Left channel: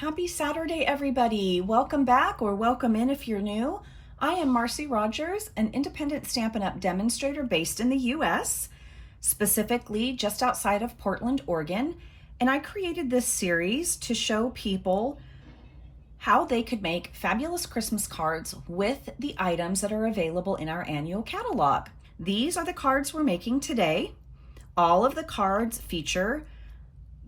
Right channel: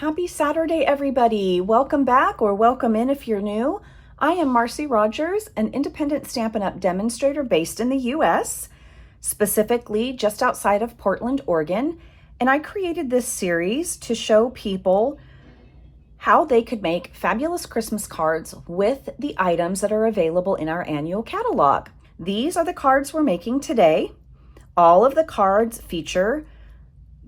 Happy Saturday, everybody. Welcome back or welcome in if you're new. I am Marcee Rodgers, an independent Stampin' Up! Demonstrator based in the US, specifically just outside of Portland, Oregon. And I created this series to show people how they could make fabulous Christmas cards with the items that are available in our annual catalog. These are the cards we're making today. All of the cards feature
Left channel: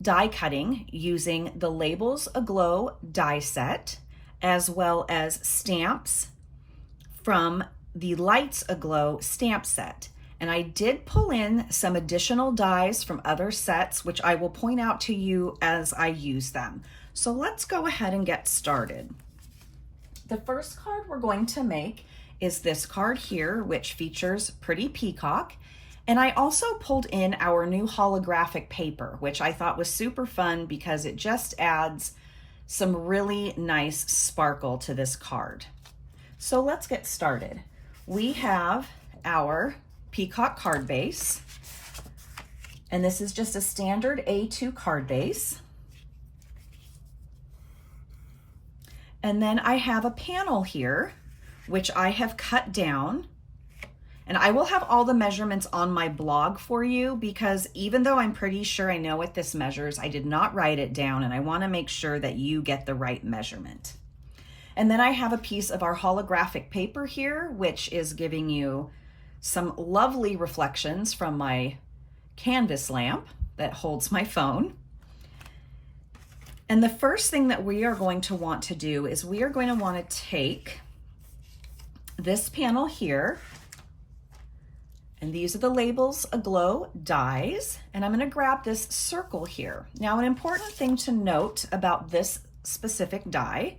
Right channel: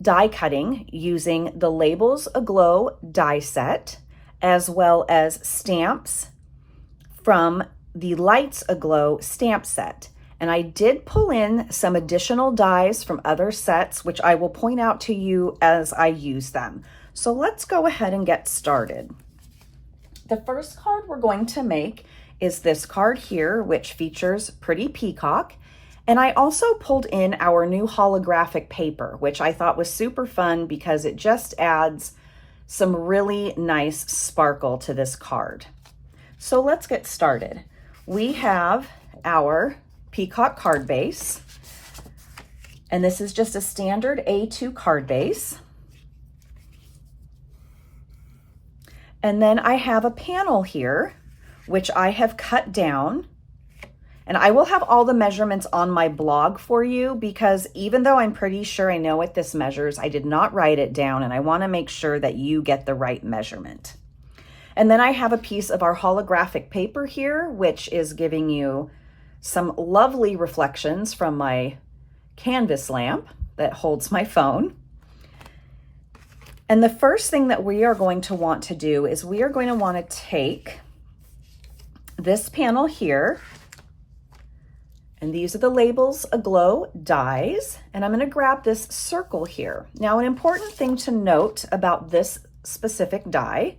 die cutting using the Labels Aglow die set, as well as stamps from the Lights Aglow stamp set. And I did pull in some additional dies from other sets, which I will point out to you as I use them. So let's go ahead and get started. The first card we're going to make is this card here, which features Pretty Peacock. And I also pulled in our new holographic paper, which I thought was super fun because it just adds some really nice sparkle to this card. So let's get started. We have our Peacock card base, and this is just a standard A2 card base. And then I have a panel here, which I have cut down. And I will have all the measurements on my blog for you because even though I'm pretty sure I know what this measures, I did not write it down and I want to make sure that you get the right measurement. And then I have a piece of our holographic paper here, which is giving you some lovely reflections from my canvas lamp that holds my phone. And the first thing that we are going to want to do is we are going to want to take this panel here, and these are the Labels Aglow dies, and I'm going to grab this circle here. Now, an important thing to note about this specific die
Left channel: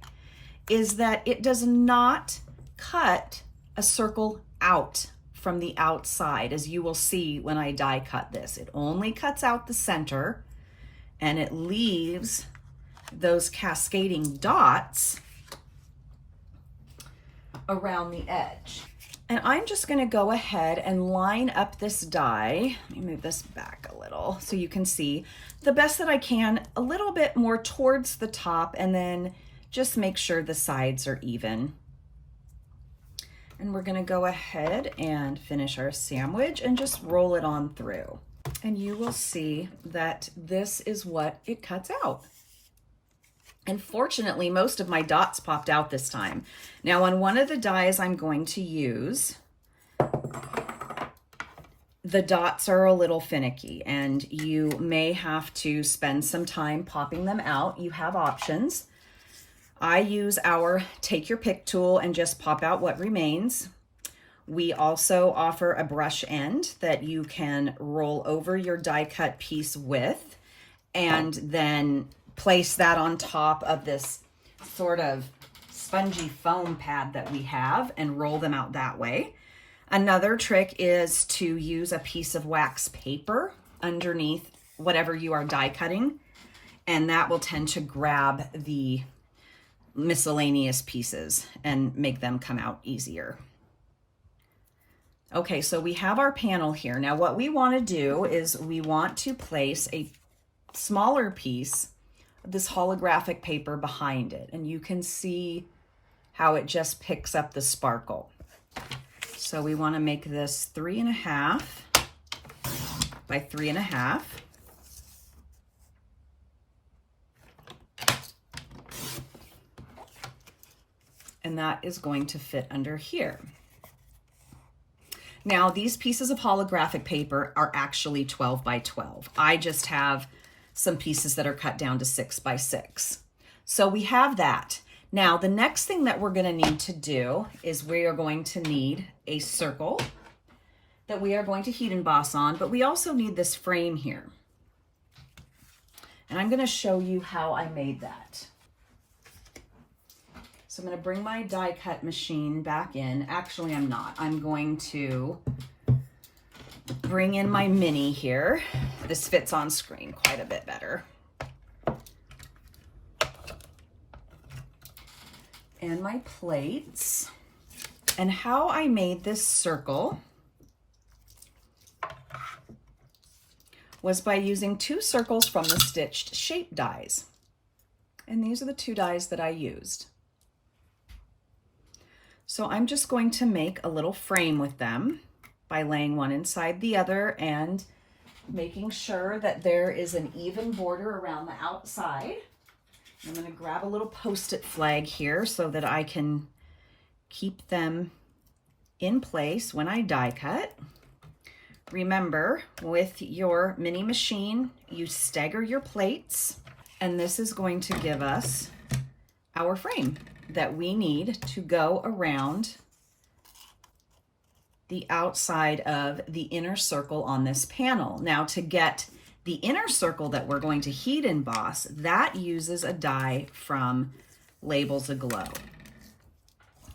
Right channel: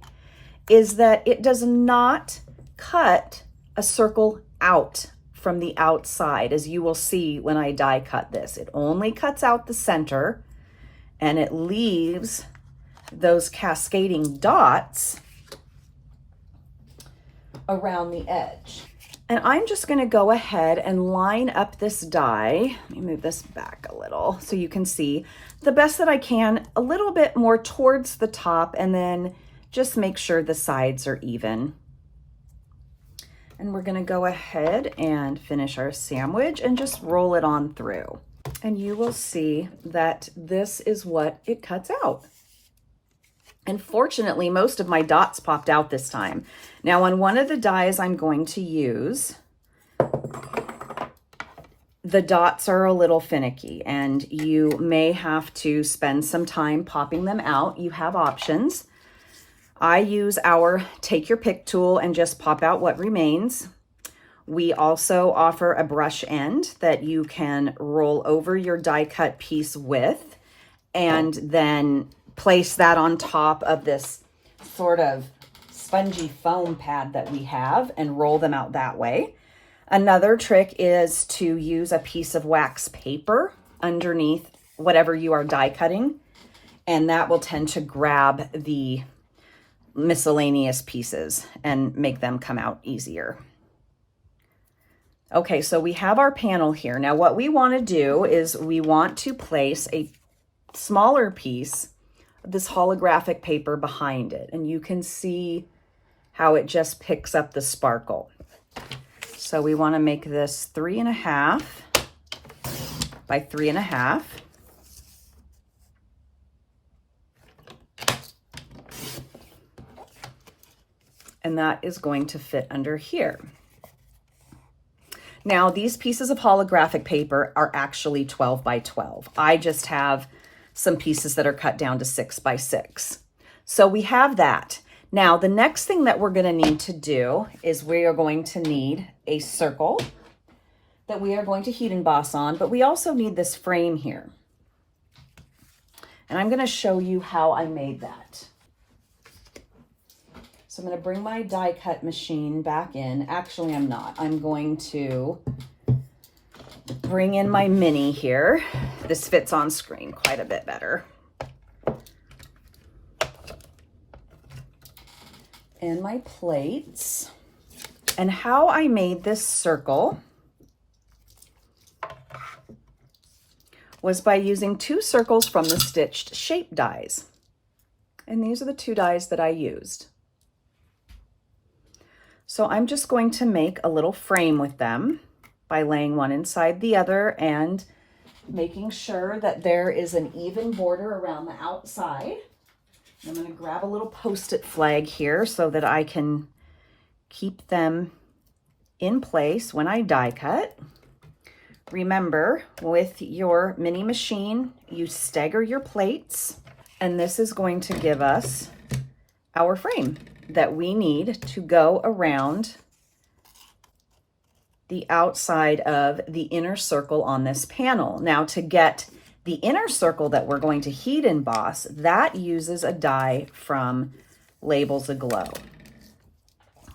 is that it does not cut a circle out from the outside, as you will see when I die cut this. It only cuts out the center, and it leaves those cascading dots around the edge. And I'm just going to go ahead and line up this die. Let me move this back a little so you can see the best that I can, a little bit more towards the top, and then just make sure the sides are even. And we're going to go ahead and finish our sandwich and just roll it on through. And you will see that this is what it cuts out. And fortunately, most of my dots popped out this time. Now, on one of the dies I'm going to use, the dots are a little finicky and you may have to spend some time popping them out. You have options. I use our take your pick tool and just pop out what remains. We also offer a brush end that you can roll over your die cut piece with, and then place that on top of this sort of spongy foam pad that we have and roll them out that way. Another trick is to use a piece of wax paper underneath whatever you are die cutting, and that will tend to grab the miscellaneous pieces and make them come out easier. Okay, so we have our panel here. Now what we want to do is we want to place a smaller piece of this holographic paper behind it, and you can see how it just picks up the sparkle. So we want to make this 3.5 by 3.5. And that is going to fit under here. Now, these pieces of holographic paper are actually 12 by 12. I just have some pieces that are cut down to 6 by 6. So we have that. Now, the next thing that we're going to need to do is we are going to need a circle that we are going to heat emboss on, but we also need this frame here. And I'm going to show you how I made that. So I'm going to bring my die cut machine back in. Actually, I'm not. I'm going to bring in my mini here. This fits on screen quite a bit better. And my plates. And how I made this circle was by using 2 circles from the stitched shape dies. and these are the 2 dies that I used. So I'm just going to make a little frame with them by laying one inside the other and making sure that there is an even border around the outside. I'm going to grab a little Post-it flag here so that I can keep them in place when I die cut. Remember, with your mini machine, you stagger your plates, and this is going to give us our frame that we need to go around the outside of the inner circle on this panel. Now, to get the inner circle that we're going to heat emboss, that uses a die from Labels Aglow.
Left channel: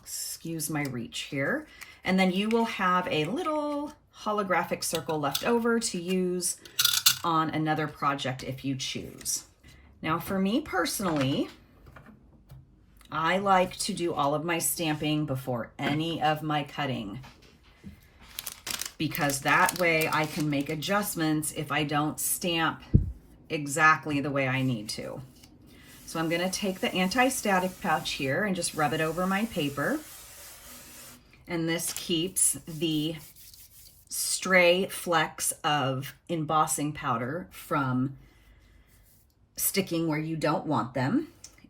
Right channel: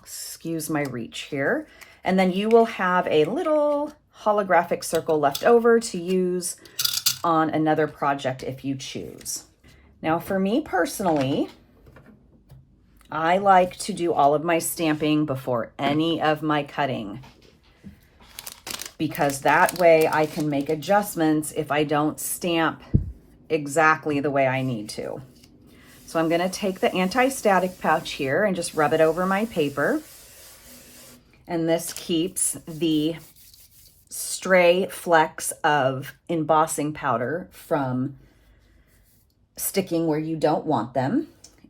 Excuse my reach here. And then you will have a little holographic circle left over to use on another project if you choose. Now, for me personally, I like to do all of my stamping before any of my cutting, because that way I can make adjustments if I don't stamp exactly the way I need to. So I'm gonna take the anti-static pouch here and just rub it over my paper. And this keeps the stray flecks of embossing powder from sticking where you don't want them.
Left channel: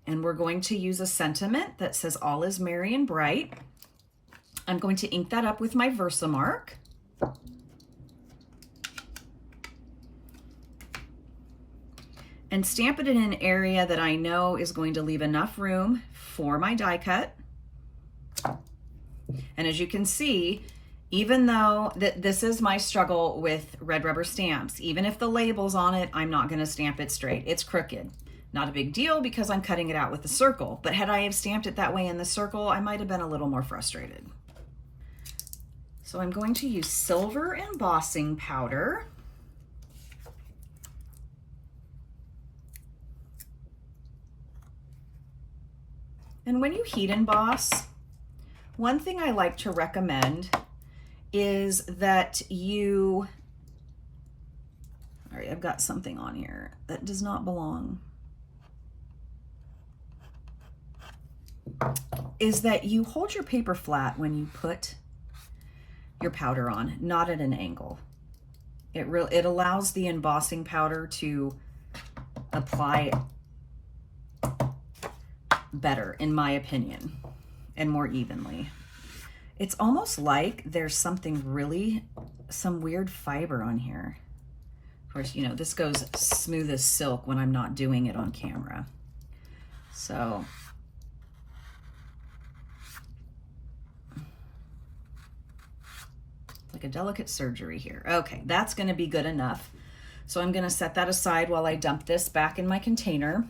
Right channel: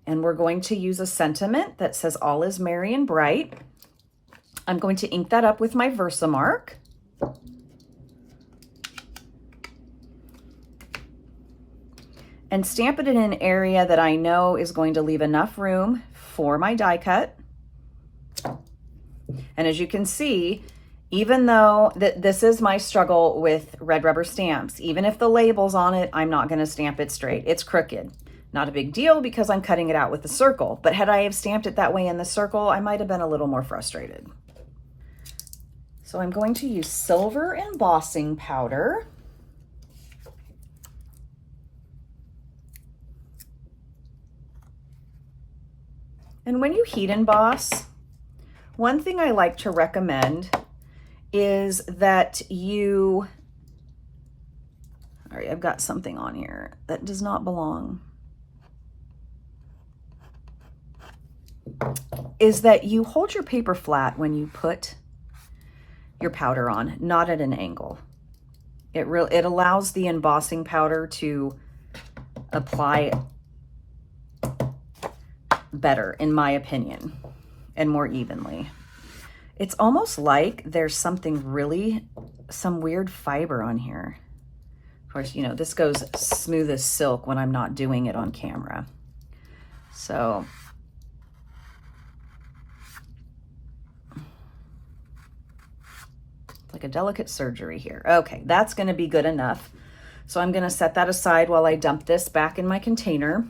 And we're going to use a sentiment that says all is merry and bright. I'm going to ink that up with my Versamark. And stamp it in an area that I know is going to leave enough room for my die cut. And as you can see, even though this is my struggle with red rubber stamps, even if the label's on it, I'm not going to stamp it straight. It's crooked. Not a big deal because I'm cutting it out with a circle. But had I have stamped it that way in the circle, I might have been a little more frustrated. So I'm going to use silver embossing powder. And when you heat emboss, one thing I like to recommend is that you, all right, I've got something on here that does not belong, is that you hold your paper flat when you put your powder on, not at an angle. It allows the embossing powder to apply better, in my opinion, and more evenly. It's almost like there's some weird fiber on here. Of course, you know, this goes smooth as silk when I'm not doing it on camera. So like a delicate surgery here. Okay, that's going to be good enough. So I'm going to set that aside while I dump this back in my container.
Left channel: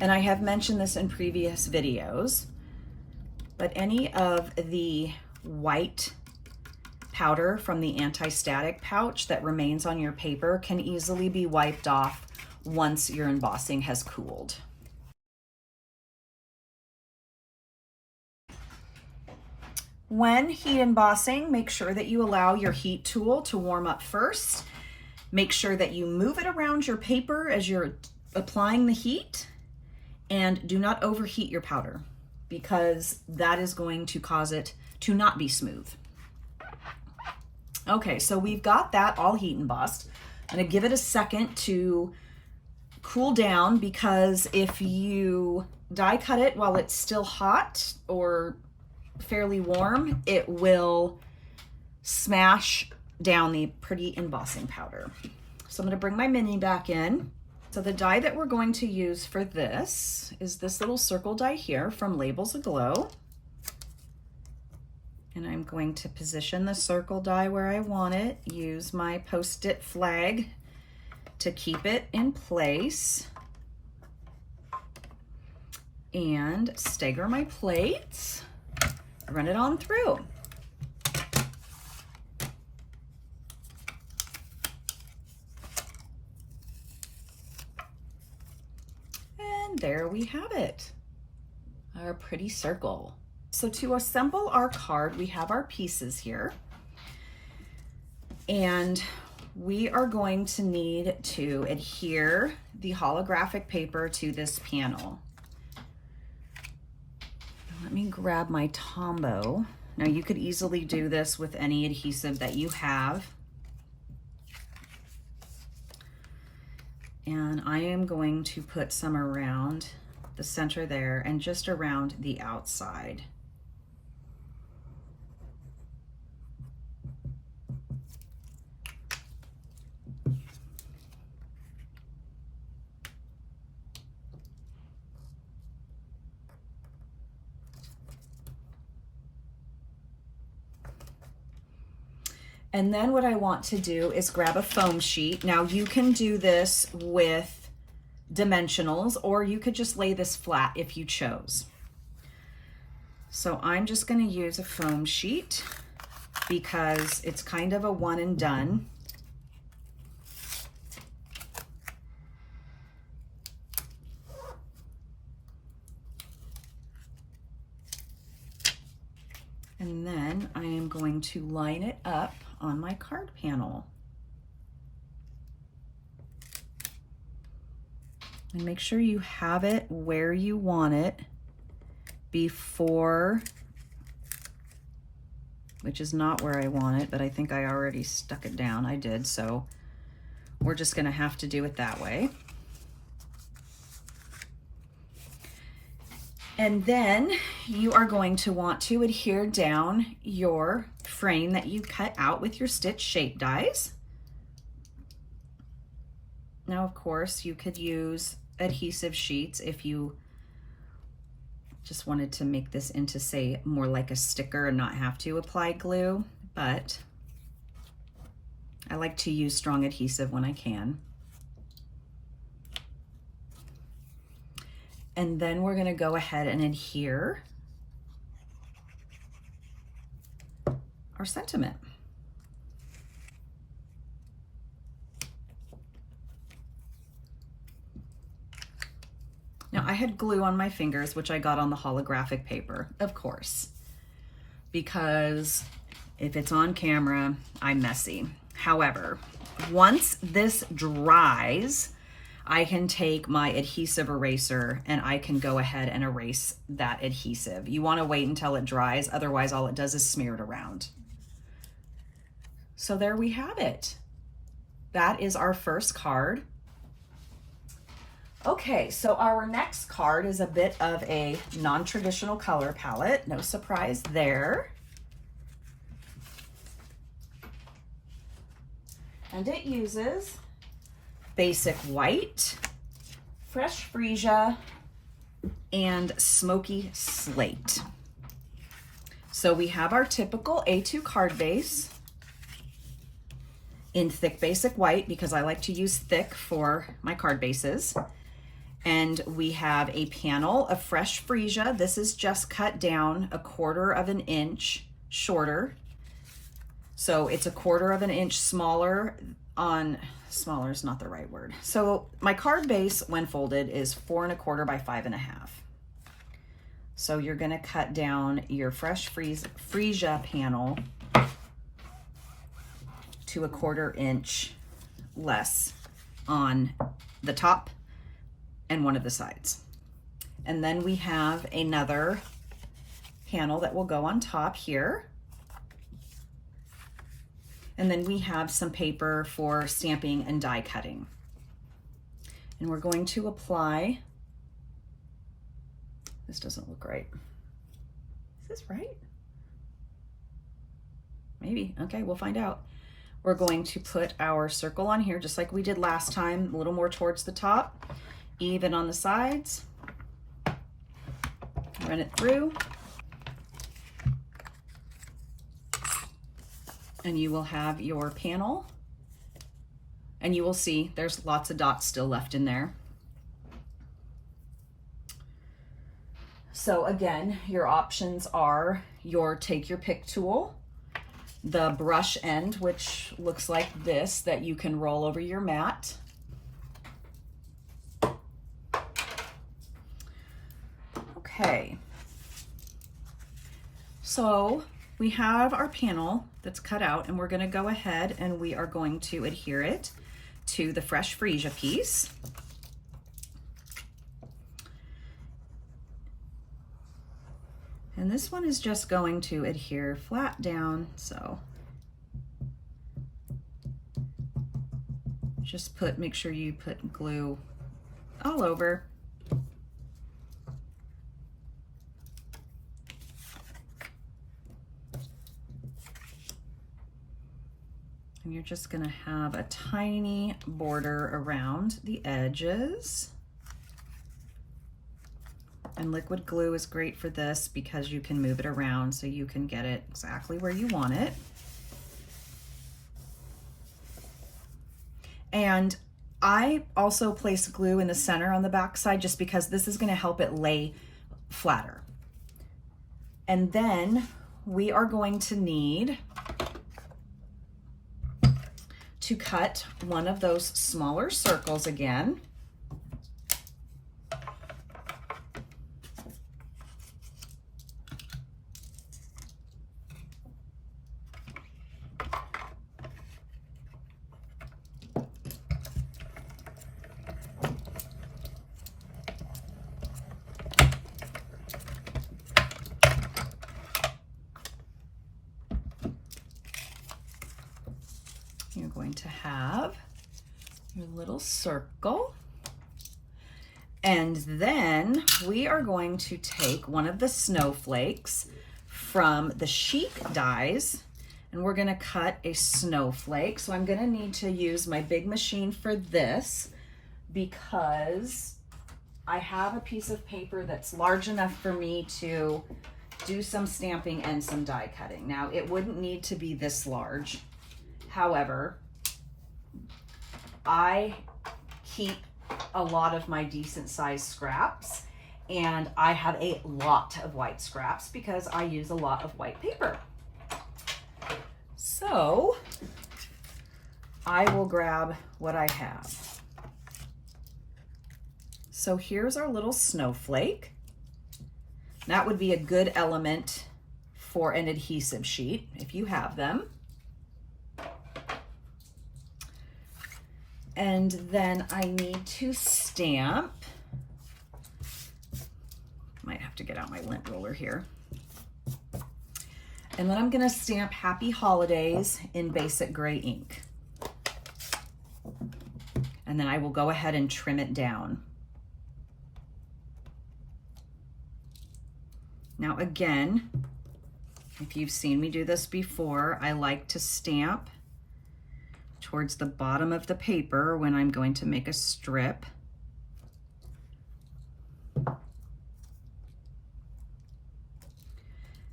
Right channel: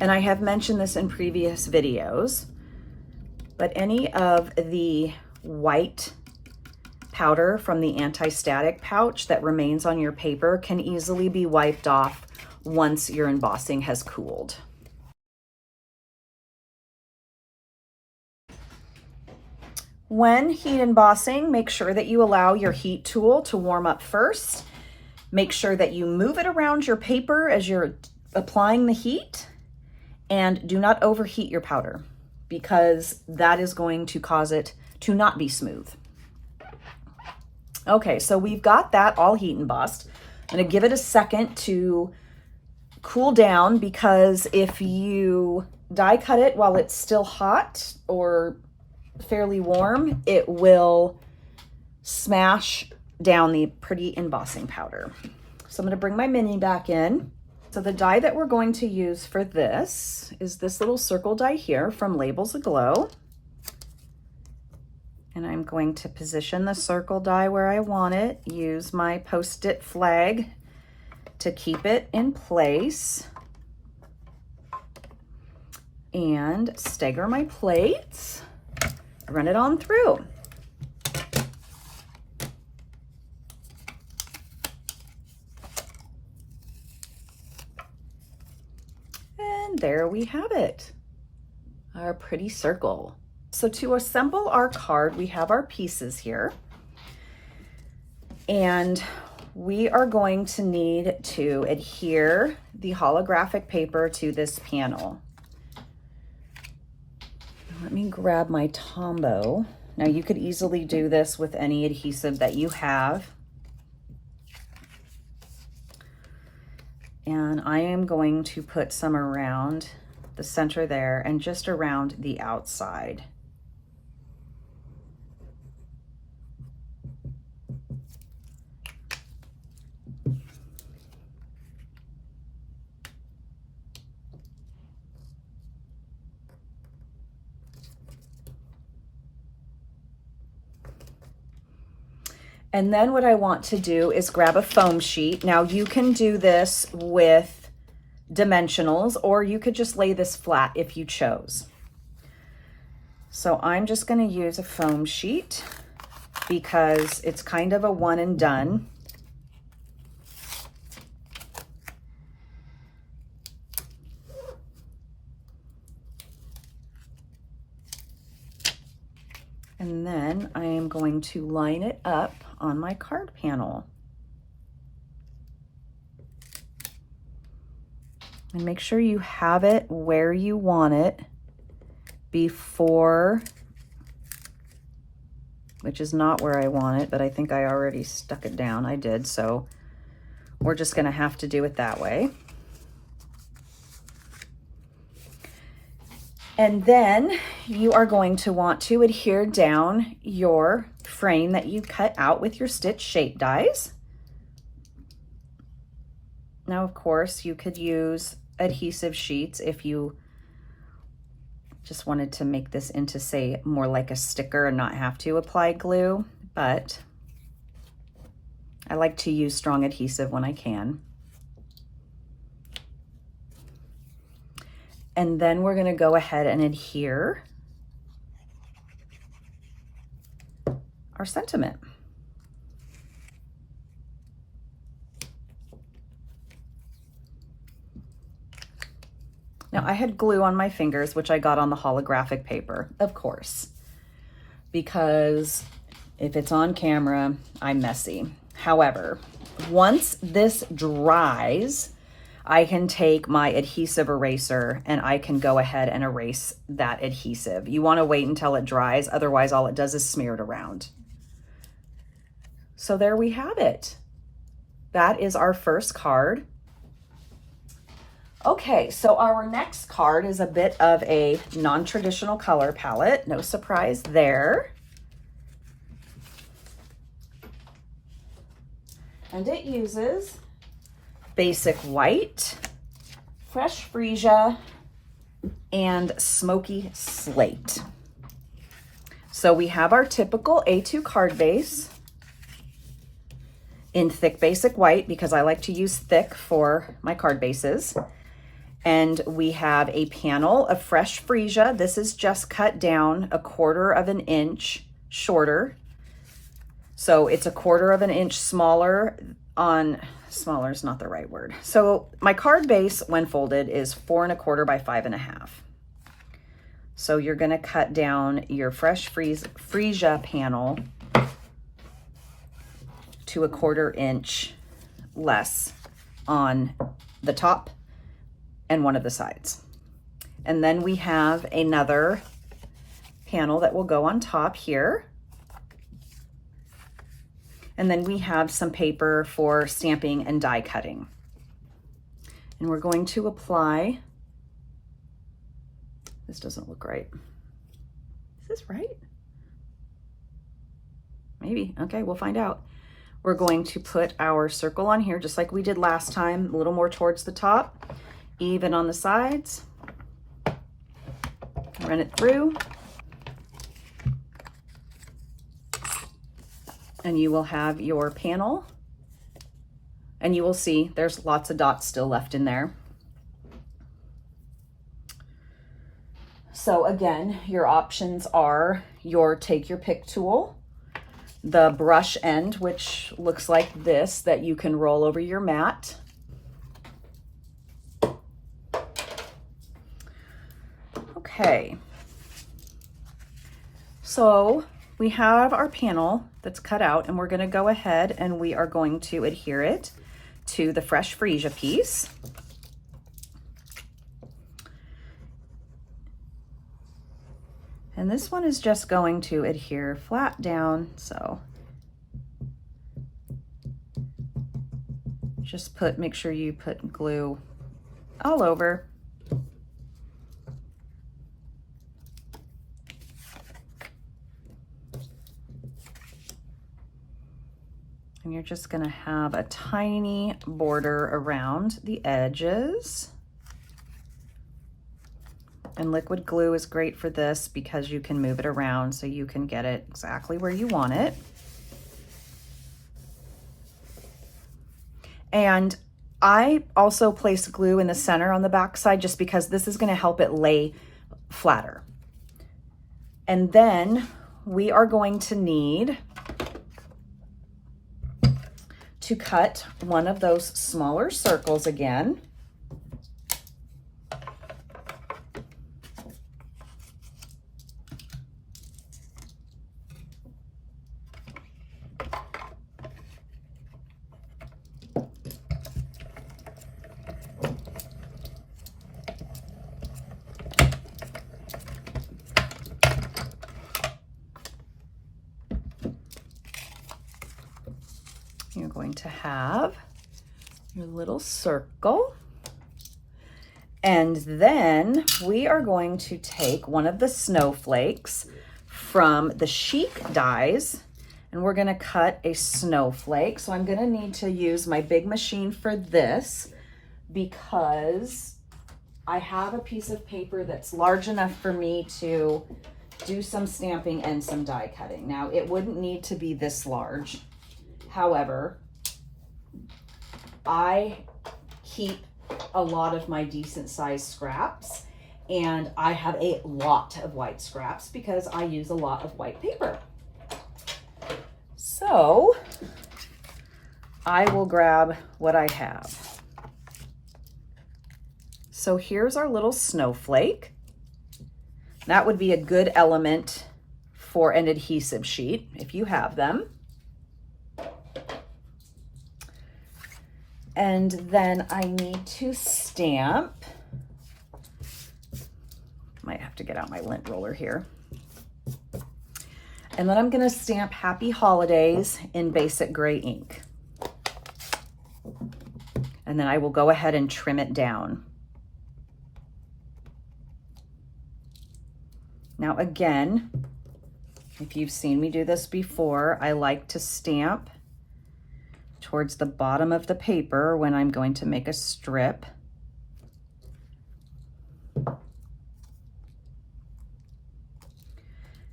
And I have mentioned this in previous videos, but any of the white powder from the anti-static pouch that remains on your paper can easily be wiped off once your embossing has cooled. When heat embossing, make sure that you allow your heat tool to warm up first. Make sure that you move it around your paper as you're applying the heat, and do not overheat your powder because that is going to cause it to not be smooth. Okay, so we've got that all heat embossed. I'm gonna give it a second to cool down, because if you die cut it while it's still hot or fairly warm, it will smash down the pretty embossing powder. So I'm gonna bring my mini back in. So the die that we're going to use for this is this little circle die here from Labels Aglow. And I'm going to position the circle die where I want it, use my Post-it flag to keep it in place, and stagger my plates, run it on through. And there we have it, our pretty circle. So to assemble our card, we have our pieces here. And we are going to need to adhere the holographic paper to this panel. Let me grab my Tombow. Now you could easily do this with any adhesive that you have. And I am going to put some around the center there and just around the outside. And then what I want to do is grab a foam sheet. Now you can do this with dimensionals, or you could just lay this flat if you chose. So I'm just going to use a foam sheet because it's kind of a one and done. And then I am going to line it up on my card panel. And make sure you have it where you want it before, which is not where I want it, but I think I already stuck it down. I did, so we're just gonna have to do it that way. And then you are going to want to adhere down your frame that you cut out with your stitch shape dies. Now, of course, you could use adhesive sheets if you just wanted to make this into, say, more like a sticker and not have to apply glue, but I like to use strong adhesive when I can. And then we're gonna go ahead and adhere our sentiment. Now I had glue on my fingers, which I got on the holographic paper, of course, because if it's on camera, I'm messy. However, once this dries, I can take my adhesive eraser and I can go ahead and erase that adhesive. You want to wait until it dries, otherwise all it does is smear it around. So there we have it. That is our first card. Okay, so our next card is a bit of a non-traditional color palette. No surprise there. And it uses basic white, fresh freesia, and smoky slate. So we have our typical A2 card base in thick basic white, because I like to use thick for my card bases. And we have a panel of fresh freesia. This is just cut down 1/4 of an inch shorter. So it's 1/4 of an inch smaller on, smaller is not the right word. So my card base when folded is 4 1/4 by 5 1/2. So you're gonna cut down your fresh freesia panel to 1/4 inch less on the top and one of the sides. And then we have another panel that will go on top here. And then we have some paper for stamping and die cutting. And we're going to apply, this doesn't look right. Is this right? Maybe, okay, we'll find out. We're going to put our circle on here, just like we did last time, a little more towards the top, even on the sides. Run it through. And you will have your panel, and you will see there's lots of dots still left in there. So again, your options are your take your pick tool, the brush end, which looks like this, that you can roll over your mat. Okay. So we have our panel that's cut out, and we're going to go ahead and we are going to adhere it to the fresh freesia piece. And this one is just going to adhere flat down, so just make sure you put glue all over. And you're just gonna have a tiny border around the edges. And liquid glue is great for this because you can move it around so you can get it exactly where you want it. And I also placed glue in the center on the back side just because this is gonna help it lay flatter. And then we are going to need to cut one of those smaller circles again. You're going to have your little circle. And then we are going to take one of the snowflakes from the chic dies, and we're gonna cut a snowflake. So I'm gonna need to use my big machine for this because I have a piece of paper that's large enough for me to do some stamping and some die cutting. Now, it wouldn't need to be this large. However, I keep a lot of my decent sized scraps, and I have a lot of white scraps because I use a lot of white paper. So I will grab what I have. So here's our little snowflake. That would be a good element for an adhesive sheet if you have them. And then I need to stamp. Might have to get out my lint roller here. And then I'm gonna stamp Happy Holidays in basic gray ink. And then I will go ahead and trim it down. Now again, if you've seen me do this before, I like to stamp towards the bottom of the paper when I'm going to make a strip.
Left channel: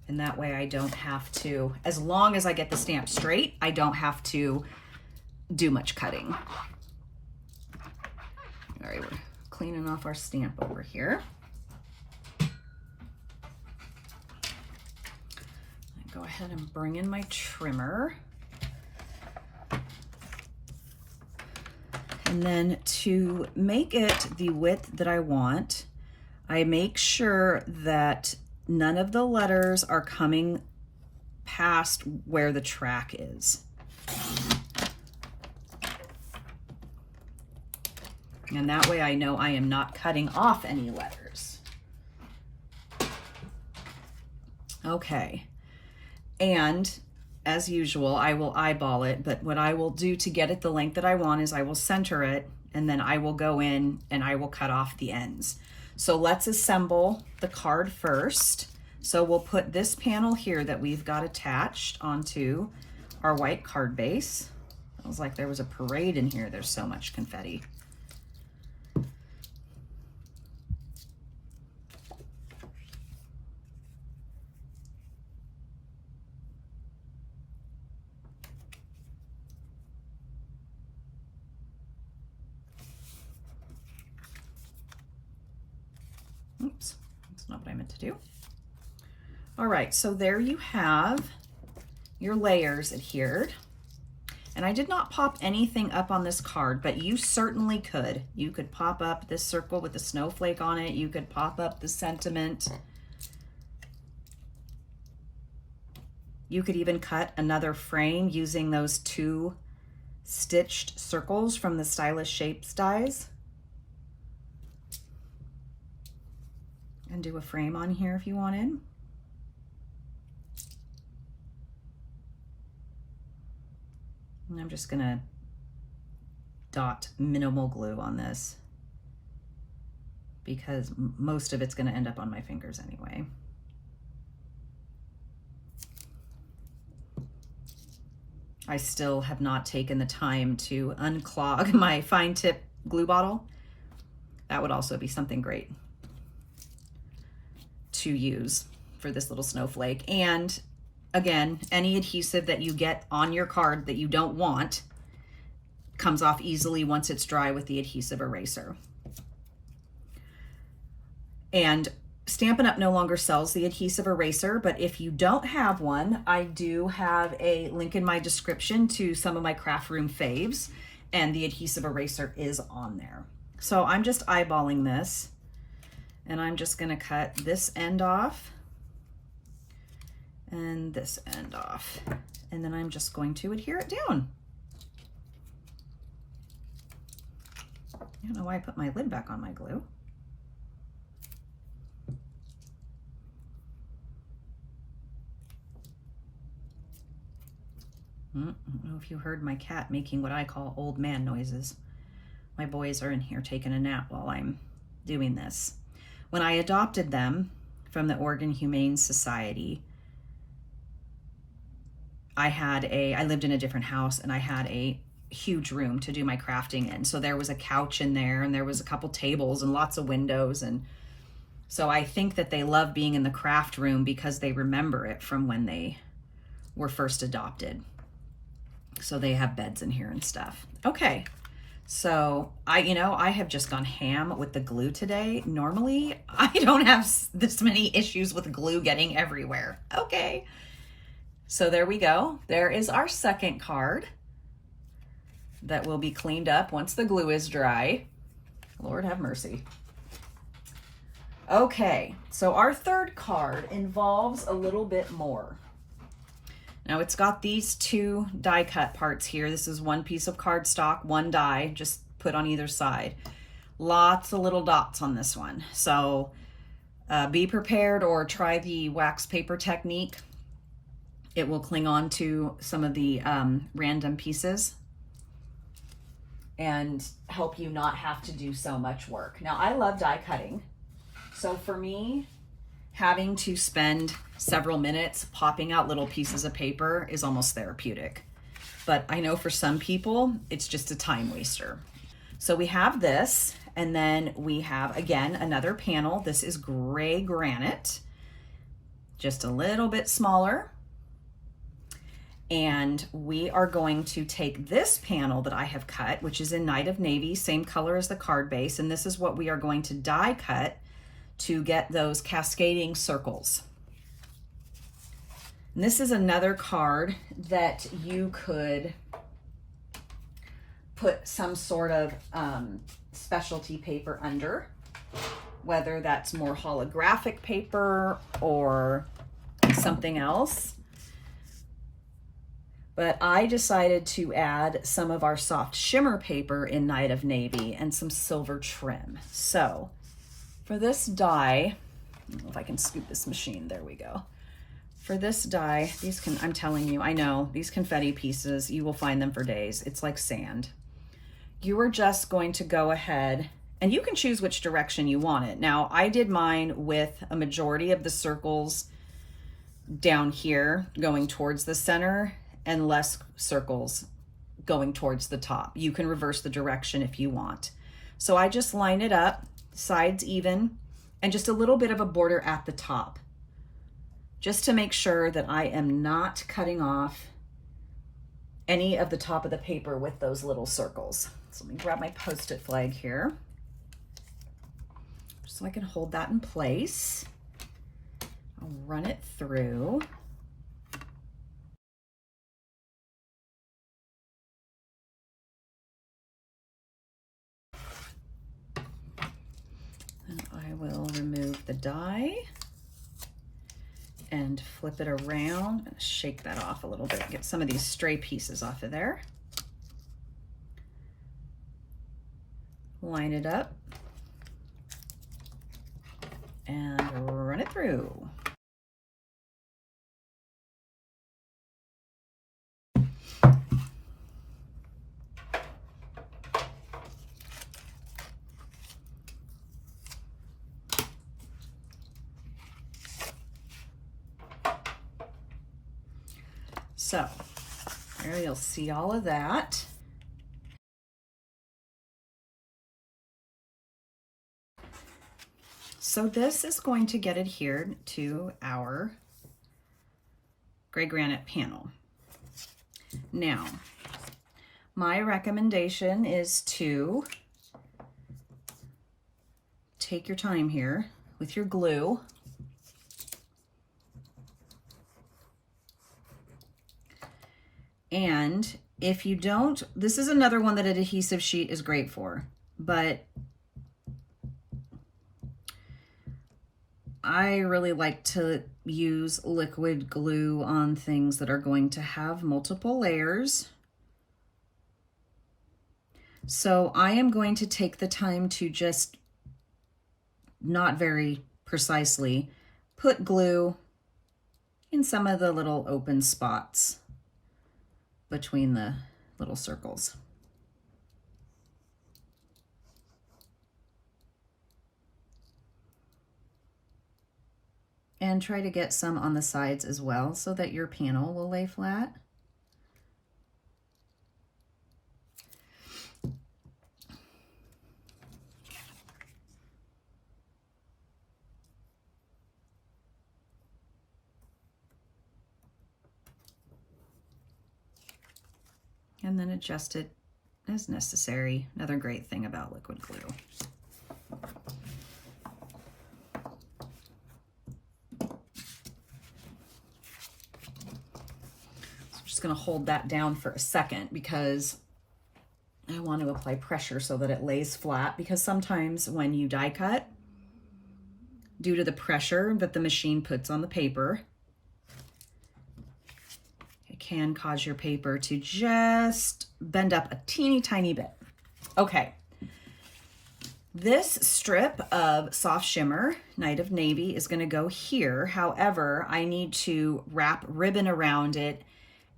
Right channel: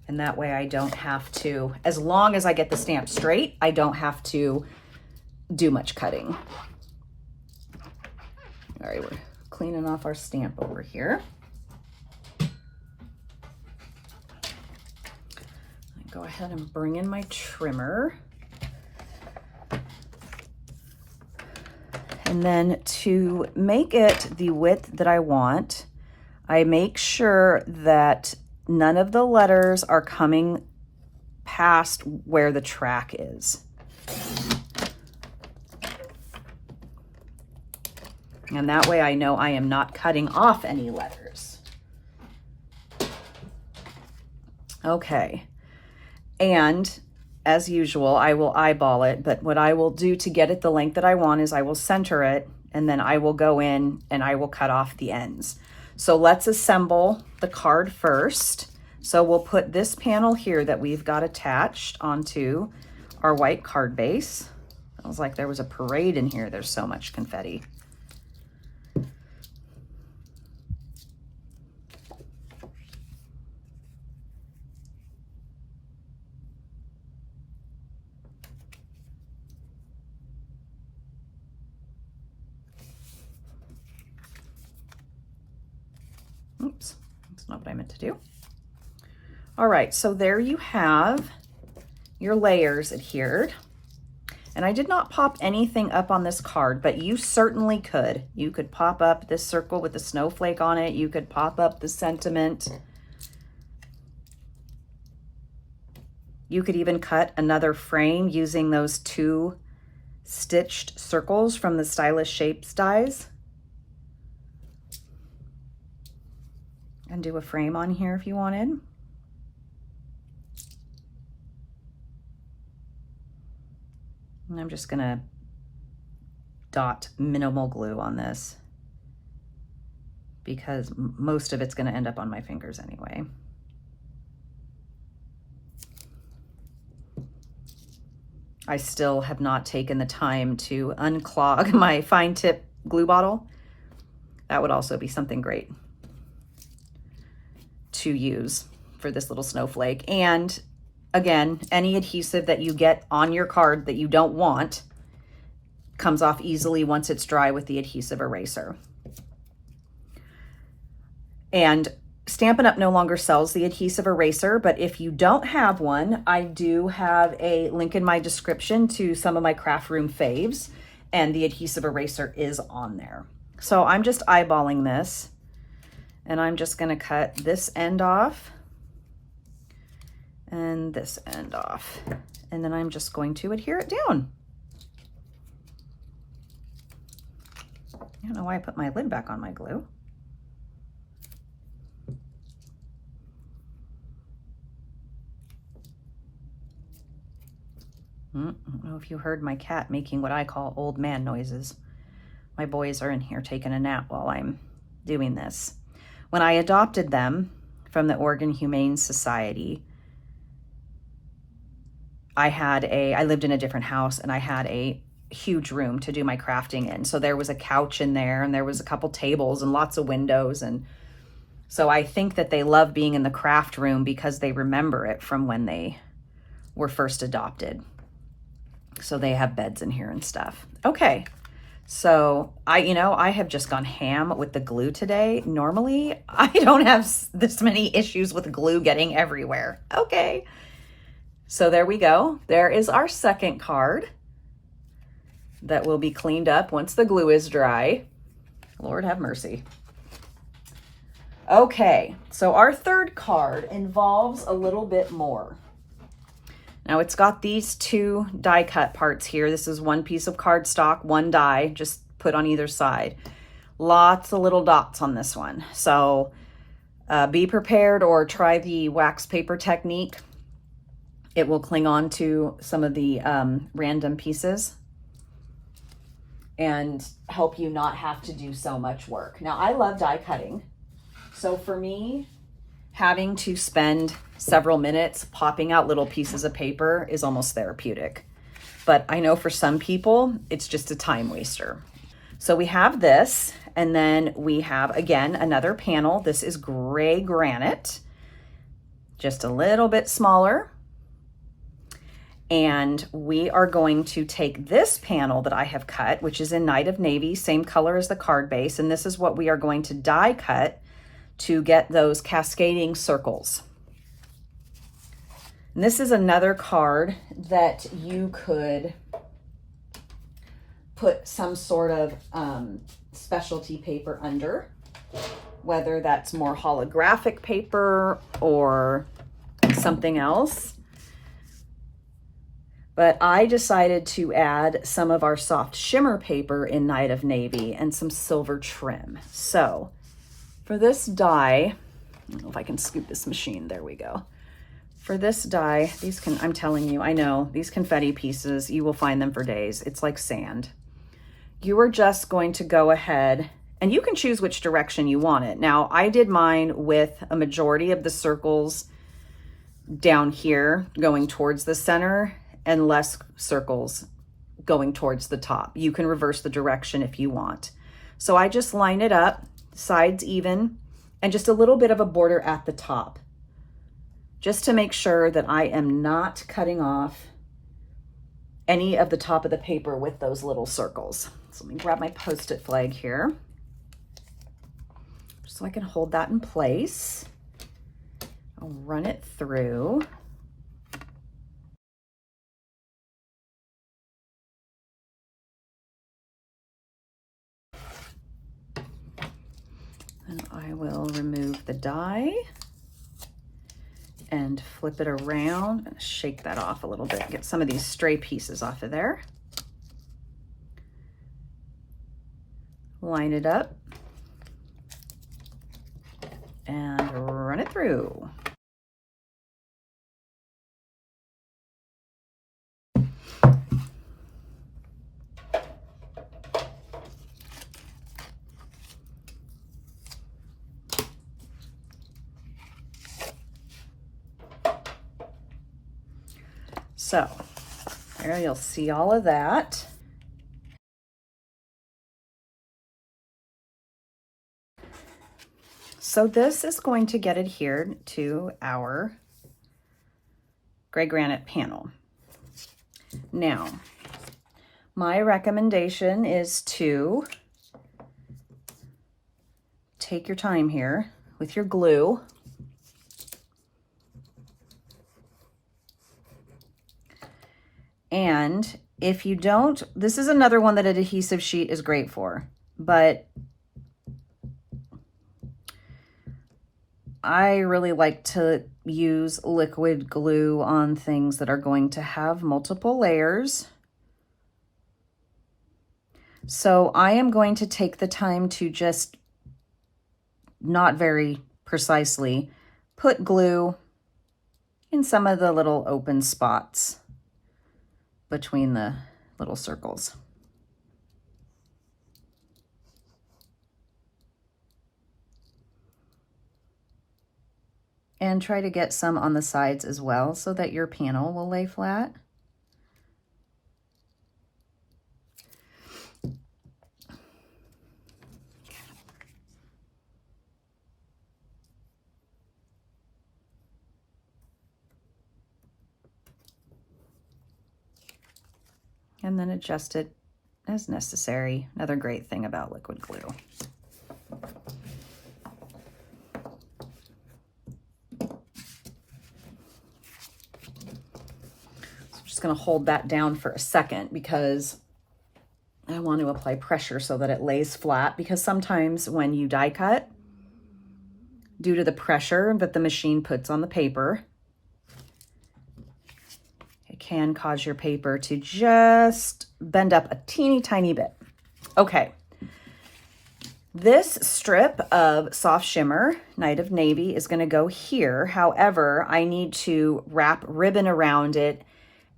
And that way I don't have to, as long as I get the stamp straight, I don't have to do much cutting. All right, we're cleaning off our stamp over here. Go ahead and bring in my trimmer. And then to make it the width that I want, I make sure that none of the letters are coming past where the track is. And that way I know I am not cutting off any letters. Okay. And as usual, I will eyeball it, but what I will do to get it the length that I want is I will center it, and then I will go in and I will cut off the ends. So let's assemble the card first. So we'll put this panel here that we've got attached onto our white card base. It was like there was a parade in here. There's so much confetti. Oops, that's not what I meant to do. All right, so there you have your layers adhered. And I did not pop anything up on this card, but you certainly could. You could pop up this circle with the snowflake on it. You could pop up the sentiment. You could even cut another frame using those 2 stitched circles from the Stylish Shapes dies. And do a frame on here if you wanted. And I'm just gonna dot minimal glue on this because most of it's gonna end up on my fingers anyway. I still have not taken the time to unclog my fine tip glue bottle. That would also be something great to use for this little snowflake. And again, any adhesive that you get on your card that you don't want comes off easily once it's dry with the adhesive eraser. And Stampin' Up! No longer sells the adhesive eraser, but if you don't have one, I do have a link in my description to some of my craft room faves, and the adhesive eraser is on there. So I'm just eyeballing this, and I'm just gonna cut this end off and this end off, and then I'm just going to adhere it down. I don't know why I put my lid back on my glue. I don't know if you heard my cat making what I call old man noises. My boys are in here taking a nap while I'm doing this. When I adopted them from the Oregon Humane Society, I lived in a different house and I had a huge room to do my crafting in. So there was a couch in there and there was a couple tables and lots of windows. And so I think that they love being in the craft room because they remember it from when they were first adopted. So they have beds in here and stuff. Okay, so I have just gone ham with the glue today. Normally, I don't have this many issues with glue getting everywhere. Okay, so there we go. There is our second card that will be cleaned up once the glue is dry. Lord have mercy. Okay, so our third card involves a little bit more. Now it's got these 2 die cut parts here. This is 1 piece of cardstock, 1 die, just put on either side. Lots of little dots on this one. So be prepared or try the wax paper technique. It will cling on to some of the random pieces and help you not have to do so much work. Now I love die cutting. So for me, having to spend several minutes popping out little pieces of paper is almost therapeutic. But I know for some people, it's just a time waster. So we have this, and then we have, again, another panel. This is gray granite, just a little bit smaller. And we are going to take this panel that I have cut, which is in Night of Navy, same color as the card base, and this is what we are going to die cut to get those cascading circles. And this is another card that you could put some sort of specialty paper under, whether that's more holographic paper or something else. But I decided to add some of our soft shimmer paper in Night of Navy and some silver trim. So for this die, I don't know if I can scoop this machine, there we go. For this die, I'm telling you, I know, these confetti pieces, you will find them for days. It's like sand. You are just going to go ahead, and you can choose which direction you want it. Now, I did mine with a majority of the circles down here going towards the center and less circles going towards the top. You can reverse the direction if you want. So I just line it up, sides even, and just a little bit of a border at the top, just to make sure that I am not cutting off any of the top of the paper with those little circles. So let me grab my Post-it flag here, so I can hold that in place. I'll run it through. And I will remove the die and flip it around and shake that off a little bit. Get some of these stray pieces off of there. Line it up and run it through. So there you'll see all of that. So this is going to get adhered to our gray granite panel. Now, my recommendation is to take your time here with your glue and if you don't, this is another one that an adhesive sheet is great for, but I really like to use liquid glue on things that are going to have multiple layers. So I am going to take the time to just, not very precisely, put glue in some of the little open spots between the little circles. And try to get some on the sides as well so that your panel will lay flat. And then adjust it as necessary. Another great thing about liquid glue. Going to hold that down for a second because I want to apply pressure so that it lays flat, because sometimes when you die cut, due to the pressure that the machine puts on the paper, it can cause your paper to just bend up a teeny tiny bit. Okay, this strip of soft shimmer Night of Navy is going to go here. However, I need to wrap ribbon around it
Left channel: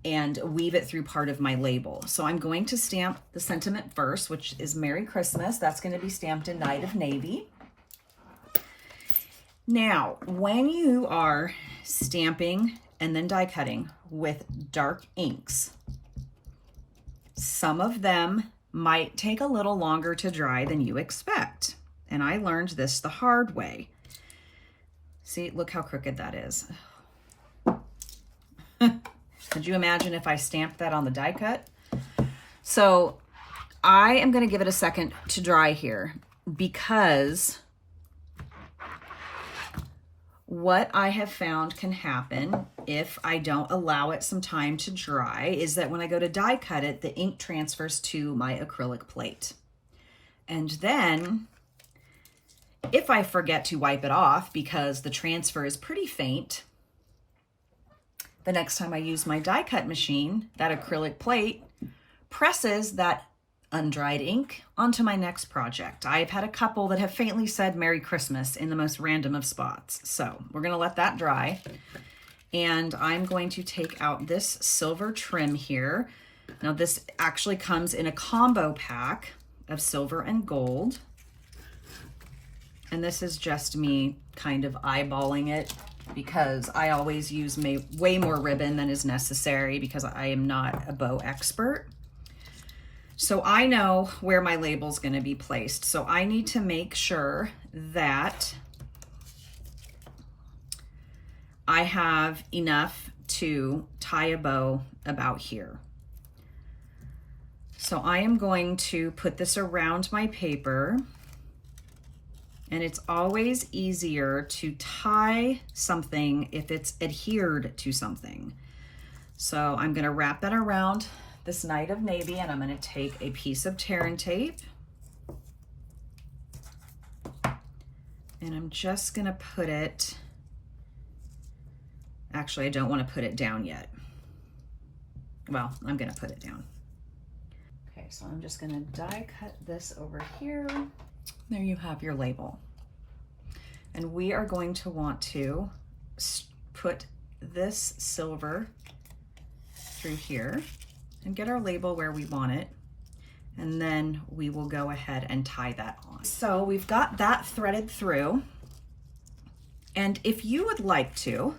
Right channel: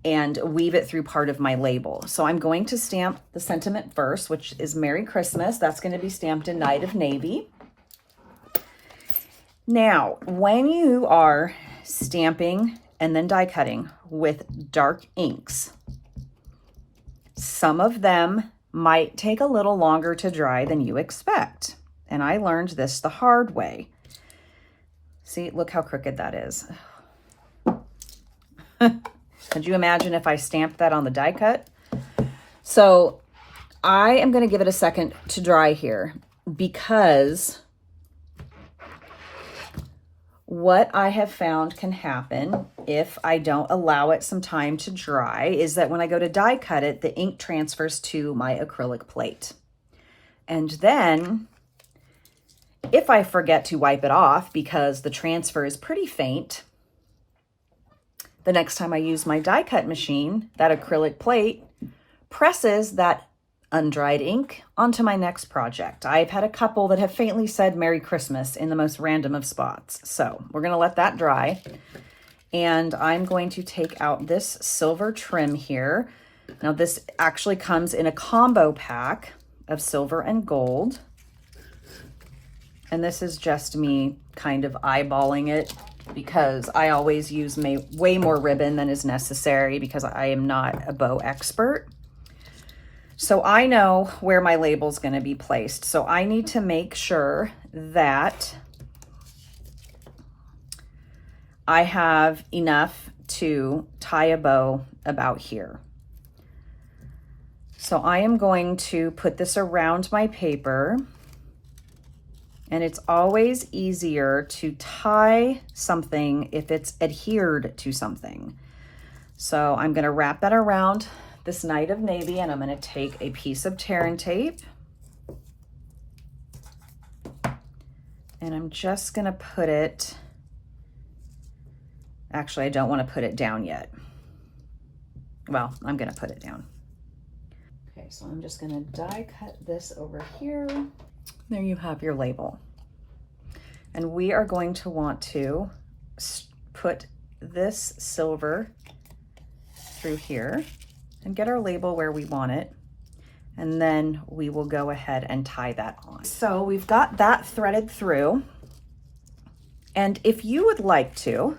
and weave it through part of my label. So I'm going to stamp the sentiment first, which is Merry Christmas. That's going to be stamped in Night of Navy. Now, when you are stamping and then die cutting with dark inks, some of them might take a little longer to dry than you expect. And I learned this the hard way. See, look how crooked that is. Could you imagine if I stamped that on the die cut? So I am going to give it a second to dry here, because what I have found can happen if I don't allow it some time to dry is that when I go to die cut it, the ink transfers to my acrylic plate. And then if I forget to wipe it off because the transfer is pretty faint, the next time I use my die cut machine, that acrylic plate presses that undried ink onto my next project. I've had a couple that have faintly said Merry Christmas in the most random of spots. So we're gonna let that dry. And I'm going to take out this silver trim here. Now this actually comes in a combo pack of silver and gold. And this is just me kind of eyeballing it, because I always use way more ribbon than is necessary because I am not a bow expert. So I know where my label's going to be placed. So I need to make sure that I have enough to tie a bow about here. So I am going to put this around my paper. And it's always easier to tie something if it's adhered to something. So I'm gonna wrap that around this Night of Navy, and I'm gonna take a piece of tear and tape, and I'm just gonna put it Actually, I don't want to put it down yet. Well, I'm going to put it down. Okay, so I'm just going to die cut this over here. There you have your label. And we are going to want to put this silver through here and get our label where we want it. And then we will go ahead and tie that on. So we've got that threaded through. And if you would like to,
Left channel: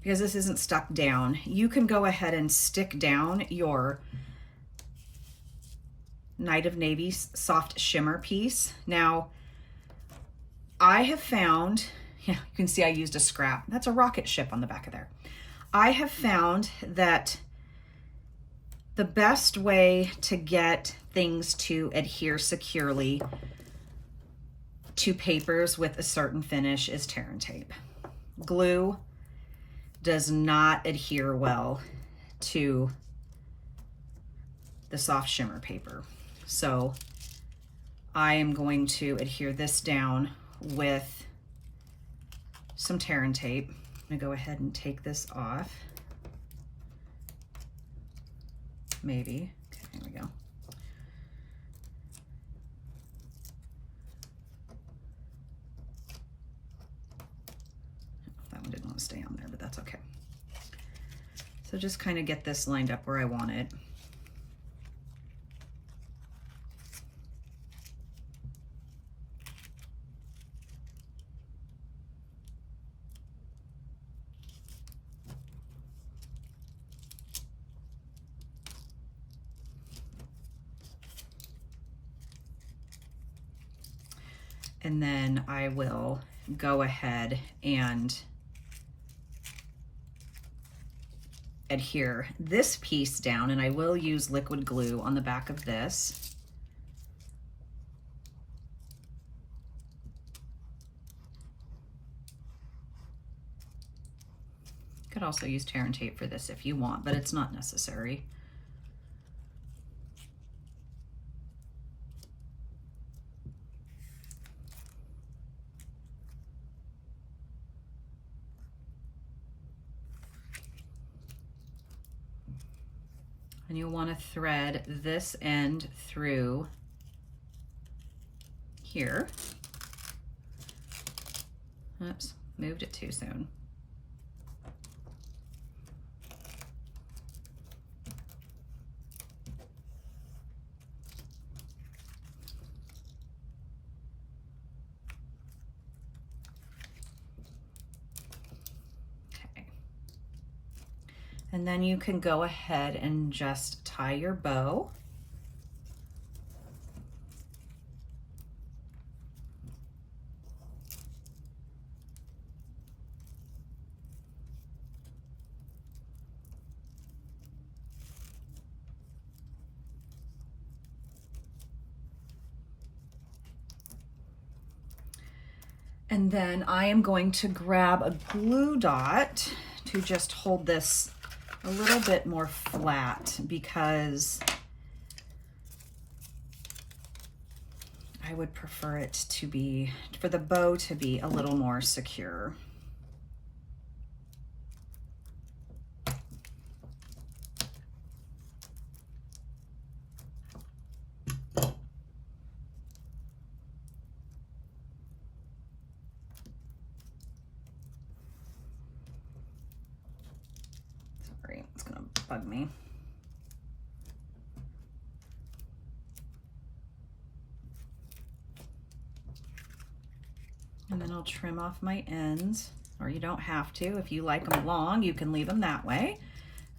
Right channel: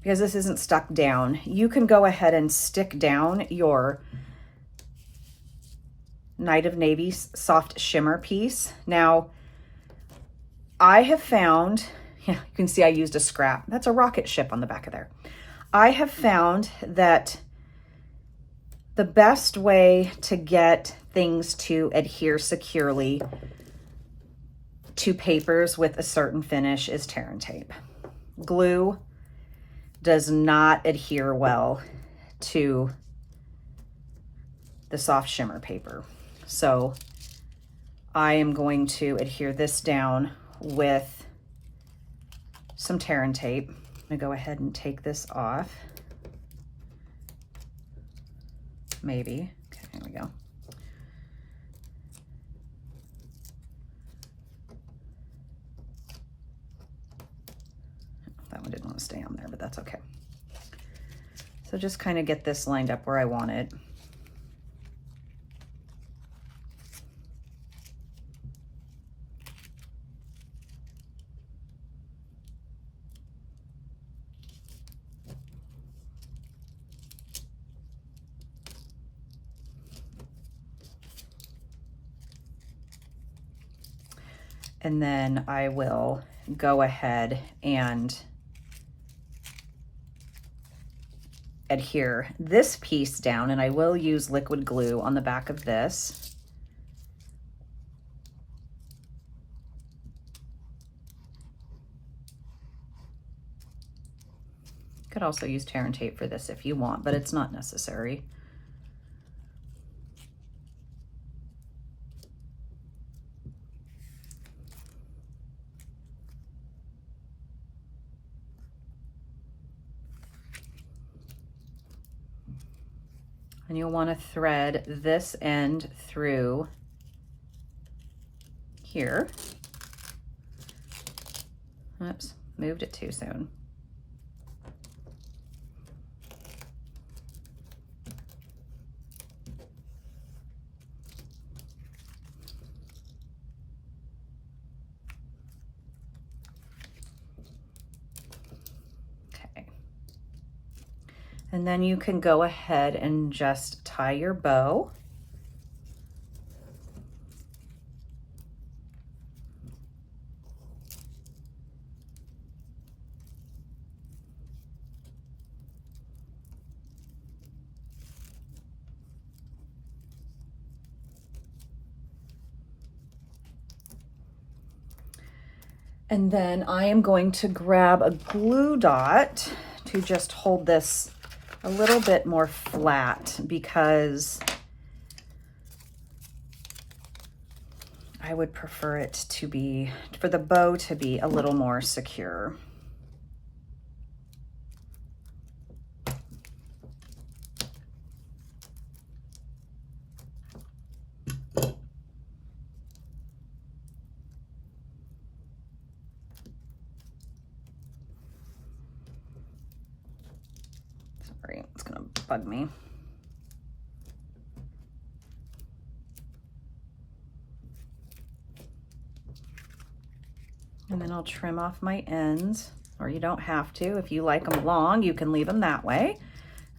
because this isn't stuck down, you can go ahead and stick down your Night of Navy soft shimmer piece. Now, I have found, yeah, you can see I used a scrap. That's a rocket ship on the back of there. I have found that the best way to get things to adhere securely to papers with a certain finish is tear and tape. Glue does not adhere well to the soft shimmer paper. So I am going to adhere this down with some tear and tape. I'm gonna go ahead and take this off. Maybe. Okay, here we go. That one didn't want to stay on there, but that's okay. So just kind of get this lined up where I want it. And then I will go ahead and adhere this piece down, and I will use liquid glue on the back of this. You could also use tear and tape for this if you want, but it's not necessary. And you'll want to thread this end through here. Oops, moved it too soon. And then you can go ahead and just tie your bow. And then I am going to grab a glue dot to just hold this a little bit more flat, because I would prefer it to be, for the bow to be a little more secure. It's gonna bug me. And then I'll trim off my ends, or you don't have to. If you like them long, you can leave them that way.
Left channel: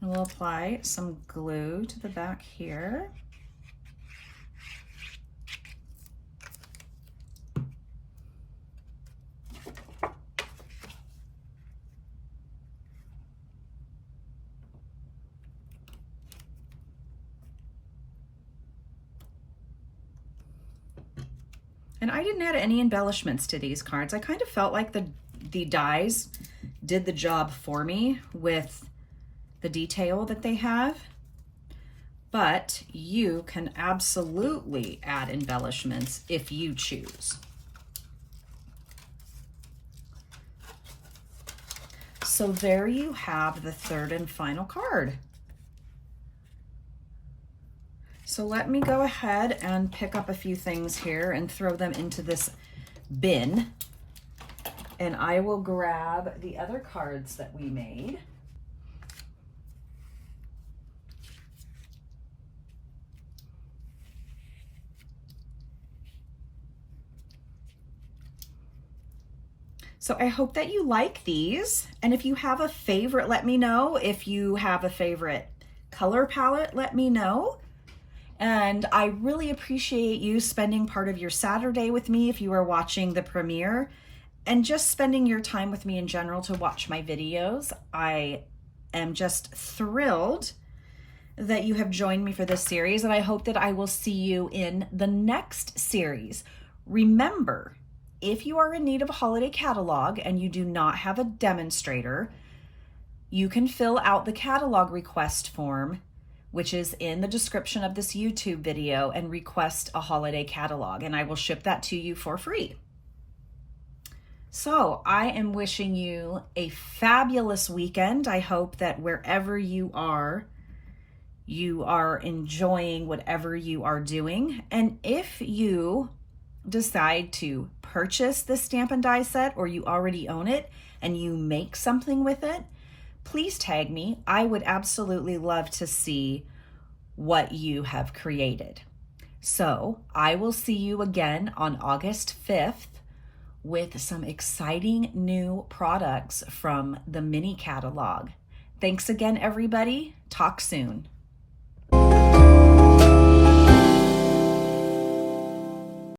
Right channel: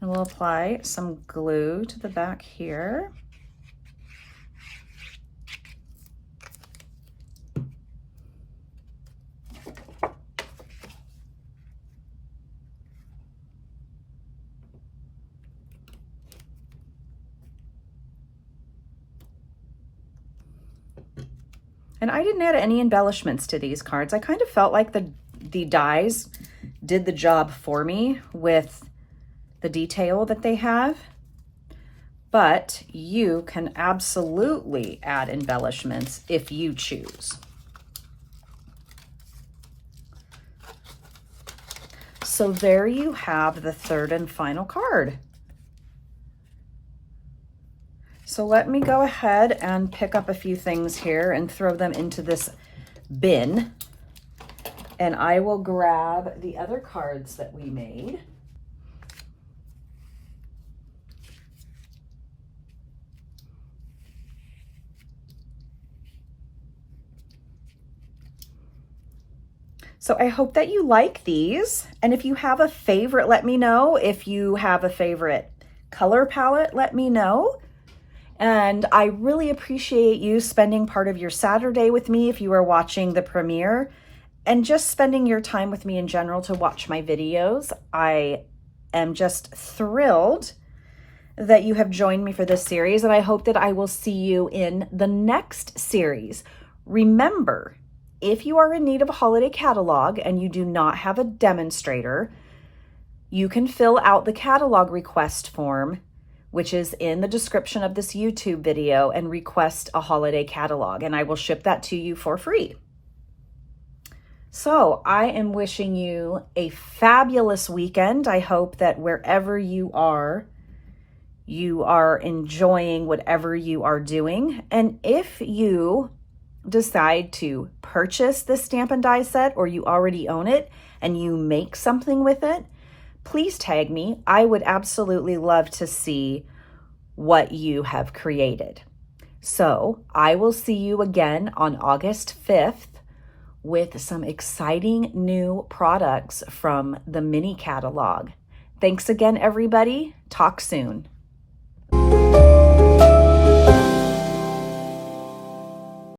And we'll apply some glue to the back here. And I didn't add any embellishments to these cards. I kind of felt like the dies did the job for me with the detail that they have. But you can absolutely add embellishments if you choose. So there you have the third and final card. So let me go ahead and pick up a few things here and throw them into this bin. And I will grab the other cards that we made. So I hope that you like these. And if you have a favorite, let me know. If you have a favorite color palette, let me know. And I really appreciate you spending part of your Saturday with me if you are watching the premiere, and just spending your time with me in general to watch my videos. I am just thrilled that you have joined me for this series, and I hope that I will see you in the next series. Remember, if you are in need of a holiday catalog and you do not have a demonstrator, you can fill out the catalog request form, which is in the description of this YouTube video, and request a holiday catalog, and I will ship that to you for free. So I am wishing you a fabulous weekend. I hope that wherever you are enjoying whatever you are doing. And if you decide to purchase this Stampin' Die set, or you already own it and you make something with it, please tag me. I would absolutely love to see what you have created. So I will see you again on August 5th with some exciting new products from the mini catalog. Thanks again, everybody. Talk soon.